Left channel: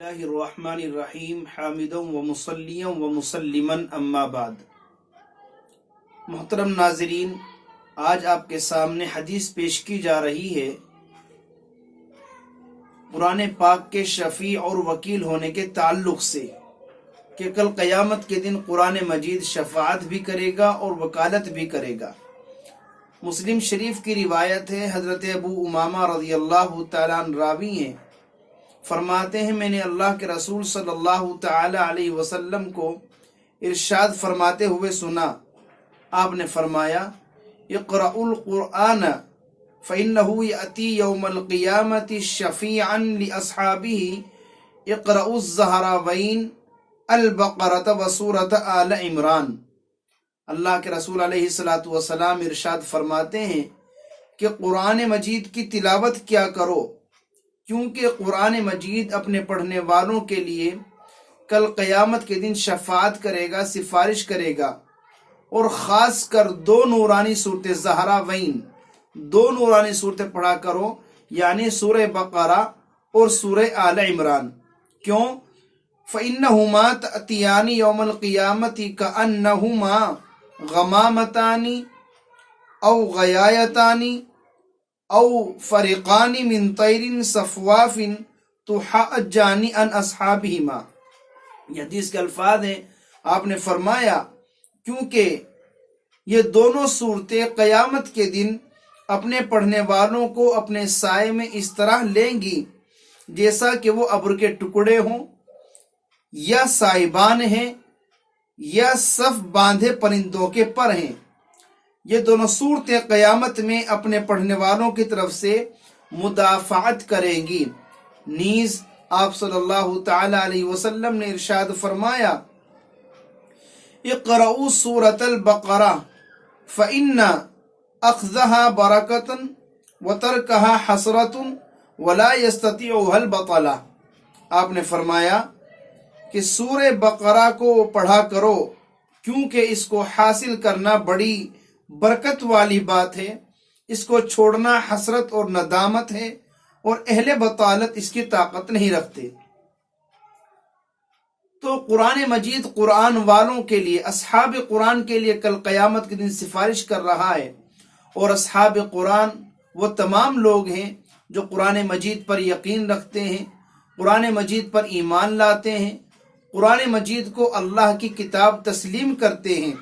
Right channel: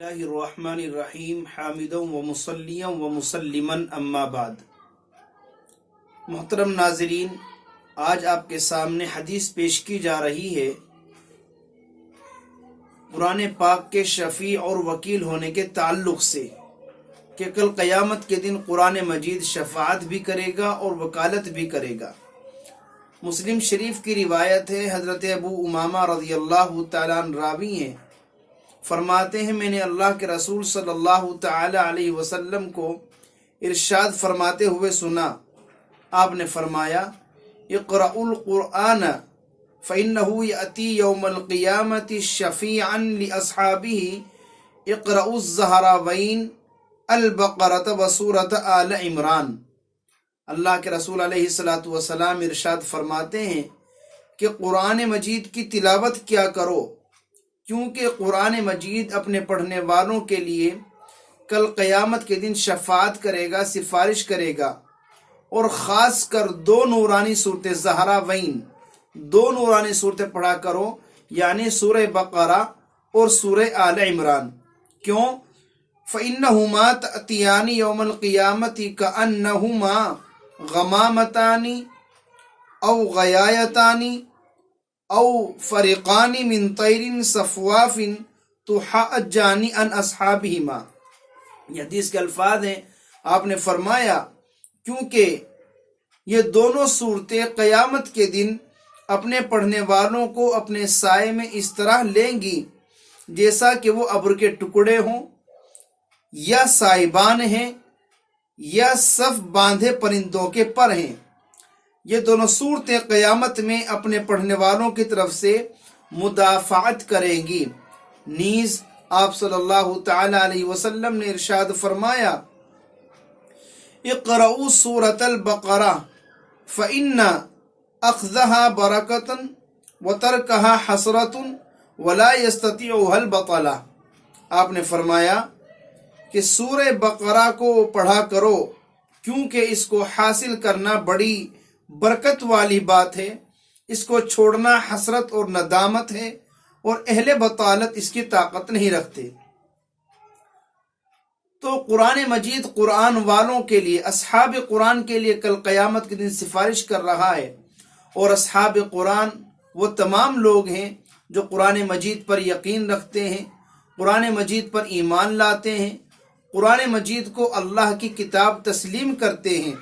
اللہ الرحمن الرحیم حامدا و مصلیا و مسلما اما بعد۔ محترم ناظرین، آج آپ کے سامنے حدیث پیش کی جا رہی ہے قرآن پاک کے شفیع اور وکیل ہونے کے تعلق سے کہ کل قیامت کے دن قرآن مجید شفاعت بھی کرے گا اور وکالت بھی کرے گا۔ مسلم شریف کی روایت ہے، حضرت ابو امامہ رضی اللہ تعالیٰ عنہ راوی ہیں، فرماتے ہیں میں نے اللہ کے رسول صلی اللہ تعالی علیہ وسلم کو ارشاد فرماتے ہوئے سنا۔ آپ نے فرمایا اقرأوا القرآن فإنه يأتي يوم القيامة شفيعا لأصحابه اقرأوا الزهراوين البقرة وسورة آل عمران۔ اللہ کے رسول علیہ الصلوۃ والسلام ارشاد فرماتے ہیں کہ قرآن مجید کی تلاوت کیا کرو، کیونکہ قرآن مجید اپنے پڑھنے والوں کے لیے کل قیامت کے دن شفاعت کرے گا، سفارش کرے گا، اور خاص کر دو نورانی صورتیں زہراوین، دو نورانی صورتیں پڑھا کرو، یعنی سورہ بقرہ اور سورہ آل عمران۔ کیوں؟ فَإِنَّهُمَا تَأْتِيَانِ يَوْمَ الْقِيَامَةِ كَأَنَّهُمَا غَمَامَتَانِ أَوْ غَيَايَتَانِ او فریقان من طیر صفواف تحاجان عن اصحابہما۔ یہ حدیث کے الفاظ ہیں، آپ نے فرمایا کیونکہ یہ دونوں صورتیں قیامت کے دن اپنے پڑھنے والوں کو اپنے سائے میں اس طرح لیں گی جیسا کہ وہ ابر کے ٹکڑے ہوں، یا سائبان ہیں، یا صف باندھے پرندوں کے پر ہیں۔ یہ دونوں صورتیں قیامت میں اپنے پڑھنے والوں کی طرف سے مدافعت کریں گی۔ نیز آپ صلی اللہ تعالی علیہ وسلم نے ارشاد فرمایا اقرؤوا سورۃ البقرہ فإن اخذها برکۃ وترکها حسرۃ ولا یستطیعها البطلہ۔ آپ نے فرمایا کہ سورہ بقرہ کو پڑھا کرو، کیونکہ اس کو حاصل کرنا بڑی برکت والی بات ہے، اس کو چھوڑنا حسرت اور ندامت ہے، اور اہل بطالت اس کی طاقت نہیں رکھتے۔ تو قرآن مجید قرآن والوں کے لیے، اصحاب قرآن کے لیے کل قیامت کے دن سفارش کر رہا ہے، اور اصحاب قرآن وہ تمام لوگ ہیں جو قرآن مجید پر یقین رکھتے ہیں، قرآن مجید پر ایمان لاتے ہیں، قرآن مجید کو اللہ کی کتاب تسلیم کرتے ہیں،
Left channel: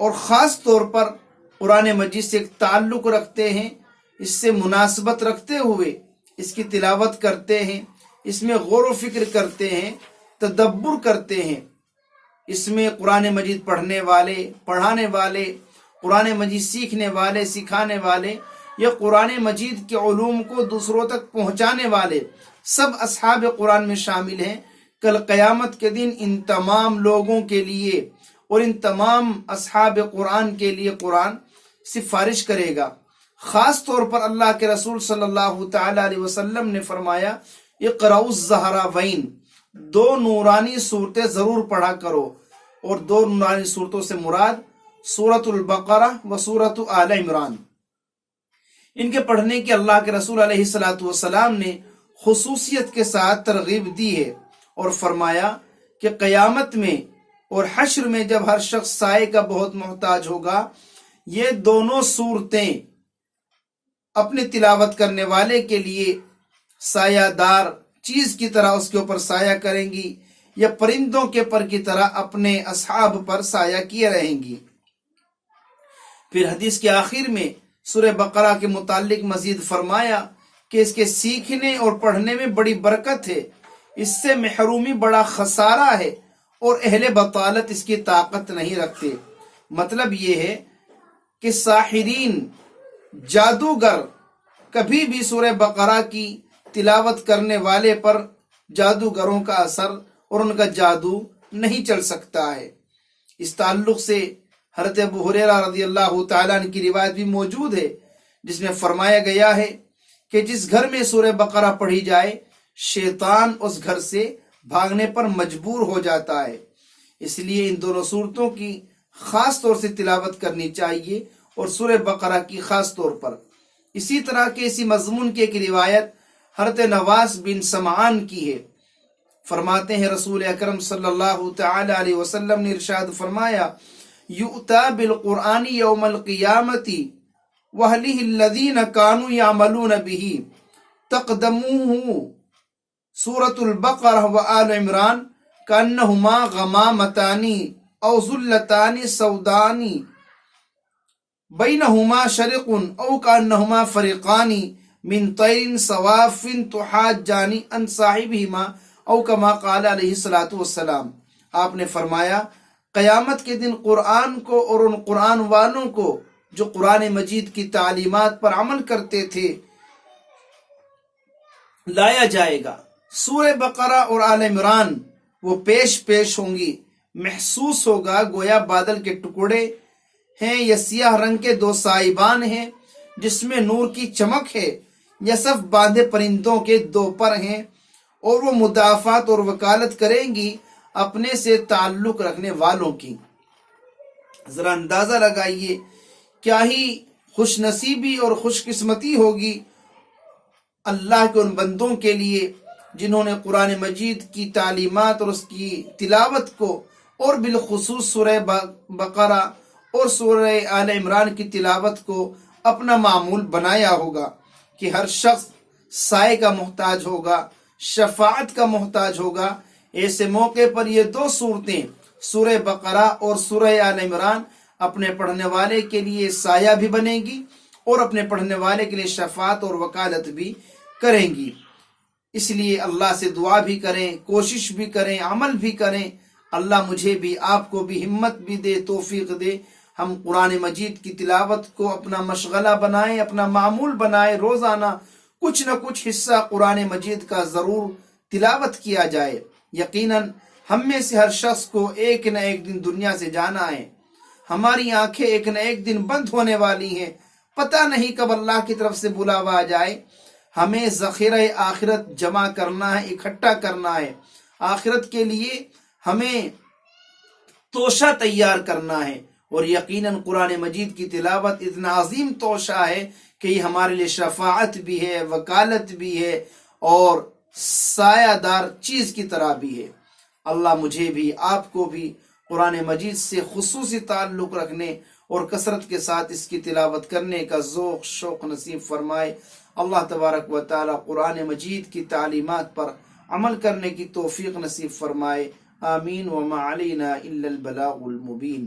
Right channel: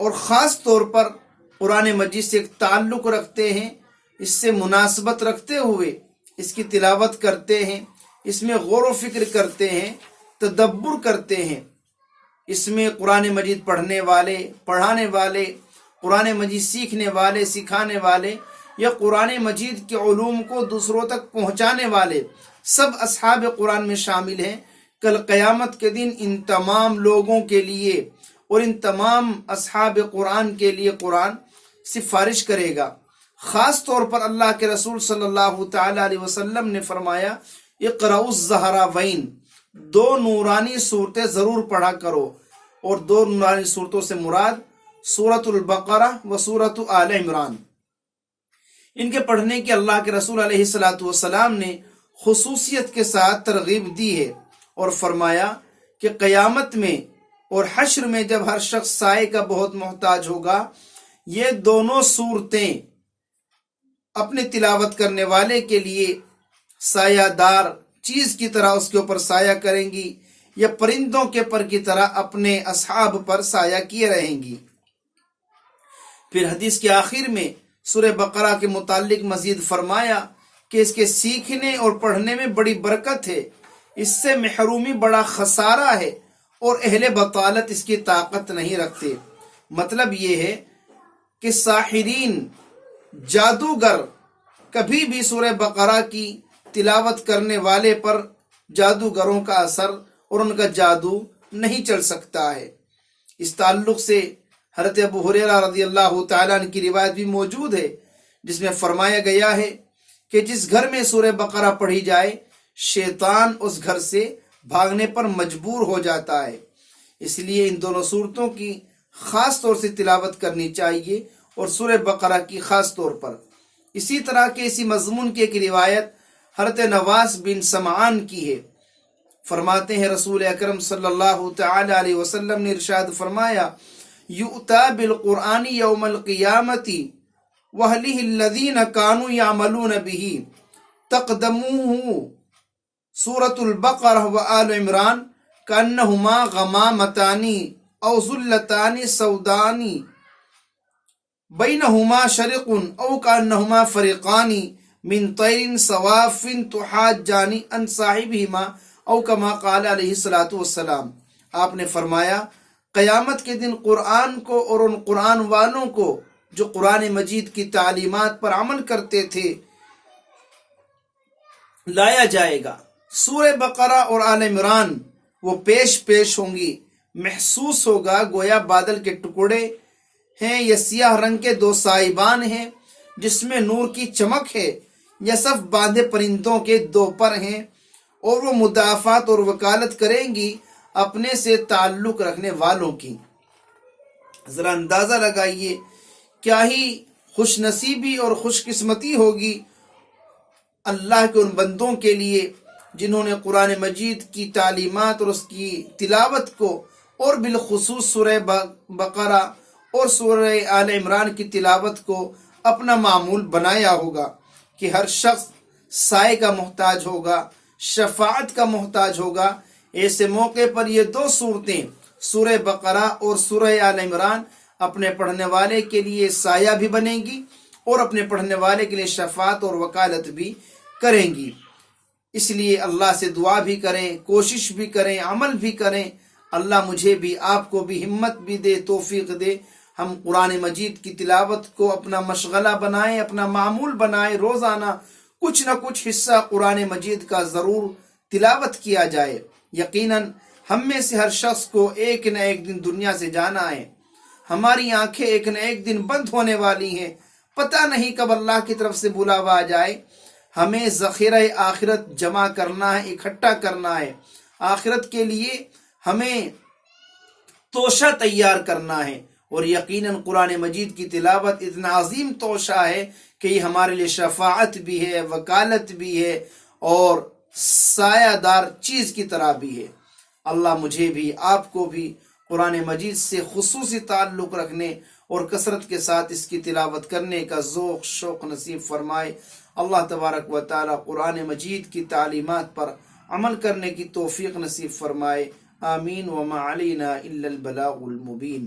اور خاص طور پر قرآن مجید سے ایک تعلق رکھتے ہیں، اس سے مناسبت رکھتے ہوئے اس کی تلاوت کرتے ہیں، اس میں غور و فکر کرتے ہیں، تدبر کرتے ہیں۔ اس میں قرآن مجید پڑھنے والے، پڑھانے والے، قرآن مجید سیکھنے والے، سکھانے والے، یا قرآن مجید کے علوم کو دوسروں تک پہنچانے والے سب اصحاب قرآن میں شامل ہیں۔ کل قیامت کے دن ان تمام لوگوں کے لیے اور ان تمام اصحاب قرآن کے لیے قرآن سفارش کرے گا۔ خاص طور پر اللہ کے رسول صلی اللہ تعالی علیہ وسلم نے فرمایا اقرؤوا الزہراوین، دو نورانی صورتیں ضرور پڑھا کرو، اور دو نورانی صورتوں سے مراد سورۃ البقرہ و سورۃ آل عمران۔ ان کے پڑھنے کی اللہ کے رسول علیہ الصلوۃ والسلام نے خصوصیت کے ساتھ ترغیب دی ہے، اور فرمایا کہ قیامت میں اور حشر میں جب ہر شخص سائے کا بہت محتاج ہوگا، یہ دونوں صورتیں اپنے تلاوت کرنے والے کے لیے سایہ دار چیز کی طرح اس کے اوپر سایہ کریں گی، یا پرندوں کے پر کی طرح اپنے اصحاب پر سایہ کیے رہیں گی۔ پھر حدیث کے آخر میں سورہ بقرہ کے متعلق مزید فرمایا کہ اس کے سیکھنے اور پڑھنے میں بڑی برکت ہے، اس سے محرومی بڑا خسارہ ہے، اور اہل بطالت اس کی طاقت نہیں رکھتے۔ مطلب یہ ہے کہ ساحرین، جادوگر کبھی بھی سورہ بقرہ کی تلاوت کرنے والے پر جادوگروں کا اثر اور ان کا جادو نہیں چل سکتا ہے۔ اس تعلق سے حضرت ابو ہریرہ رضی اللہ تعالیٰ عنہ کی روایت بھی موجود ہے، جس میں فرمایا گیا ہے کہ جس گھر میں سورہ بقرہ پڑھی جائے، شیطان اس گھر سے بھاگنے پر مجبور ہو جاتا ہے۔ اس لیے ان دونوں صورتوں کی خاص طور سے تلاوت کرنی چاہیے، اور سورہ بقرہ کی خاص طور پر۔ اسی طرح کے اسی مضمون کی ایک روایت حضرت نواس بن سمعان کی ہے، فرماتے ہیں رسول اکرم صلی اللہ تعالی علیہ وسلم نے ارشاد فرمایا یؤتا بالقرآن یوم القیامت وَأَهْلِهِ الَّذِينَ كَانُوا يَعْمَلُونَ بِهِ تَقْدَمُوهُ سورة البقرہ وآل عمران كأنهما غمامتان أو ظلتان سودان بينهما شرق أو كأنهما فريقان من طير صواف تحاجان عن صاحبهما أو كما قال علیہ الصلوۃ والسلام۔ آپ نے فرمایا قیامت کے دن قرآن کو اور ان قرآن والوں کو جو قرآن مجید کی تعلیمات پر عمل کرتے تھے لایا جائے گا۔ سورہ بقرہ اور آل عمران وہ پیش ہوں گی، محسوس ہوگا گویا بادل کے ٹکڑے ہیں یا سیاہ رنگ کے دو سائبان ہیں جس میں نور کی چمک ہے، یا صف باندھے پرندوں کے دو پر ہیں، اور وہ مدافعت اور وکالت کریں گی اپنے سے تعلق رکھنے والوں کی۔ ذرا اندازہ لگائیے کیا ہی خوش نصیبی اور خوش قسمتی ہوگی اللہ کے ان بندوں کے لیے جنہوں نے قرآن مجید کی تعلیمات اور اس کی تلاوت کو، اور بالخصوص سورہ بقرہ اور سورہ آل عمران کی تلاوت کو اپنا معمول بنایا ہوگا کہ ہر شخص سائے کا محتاج ہوگا، شفاعت کا محتاج ہوگا۔ ایسے موقع پر یہ دو صورتیں سورہ بقرہ اور سورہ آل عمران اپنے پڑھنے والے کے لیے سایہ بھی بنے گی اور اپنے پڑھنے والے کے لیے شفاعت اور وکالت بھی کریں گی۔ اس لیے اللہ سے دعا بھی کریں، کوشش بھی کریں، عمل بھی کریں۔ اللہ مجھے بھی آپ کو بھی ہمت بھی دے، توفیق دے، ہم قرآن مجید کی تلاوت کو اپنا مشغلہ بنائیں، اپنا معمول بنائیں، روزانہ کچھ نہ کچھ حصہ قرآن مجید کا ضرور تلاوت کیا جائے۔ یقیناً ہم میں سے ہر شخص کو ایک نہ ایک دن دنیا سے جانا ہے، ہماری آنکھیں ایک نہ ایک دن بند ہونے والی ہیں، پتہ نہیں کب اللہ کی طرف سے بلاوا آ جائے۔ ہمیں ذخیرہ آخرت جمع کرنا ہے، اکٹھا کرنا ہے، آخرت کے لیے ہمیں توشہ تیار کرنا ہے، اور یقیناً قرآن مجید کی تلاوت اتنا عظیم توشہ ہے کہ یہ ہمارے لیے شفاعت بھی ہے، وکالت بھی ہے، اور سایہ دار چیز کی طرح بھی ہے۔ اللہ مجھے بھی آپ کو بھی قرآن مجید سے خصوصی تعلق رکھنے اور کثرت کے ساتھ اس کی تلاوت کرنے کا ذوق شوق نصیب فرمائے۔ اللہ تبارک و تعالی قرآن مجید کی تعلیمات پر عمل کرنے کی توفیق نصیب فرمائے۔ آمین۔ وما علینا الا البلاغ المبین۔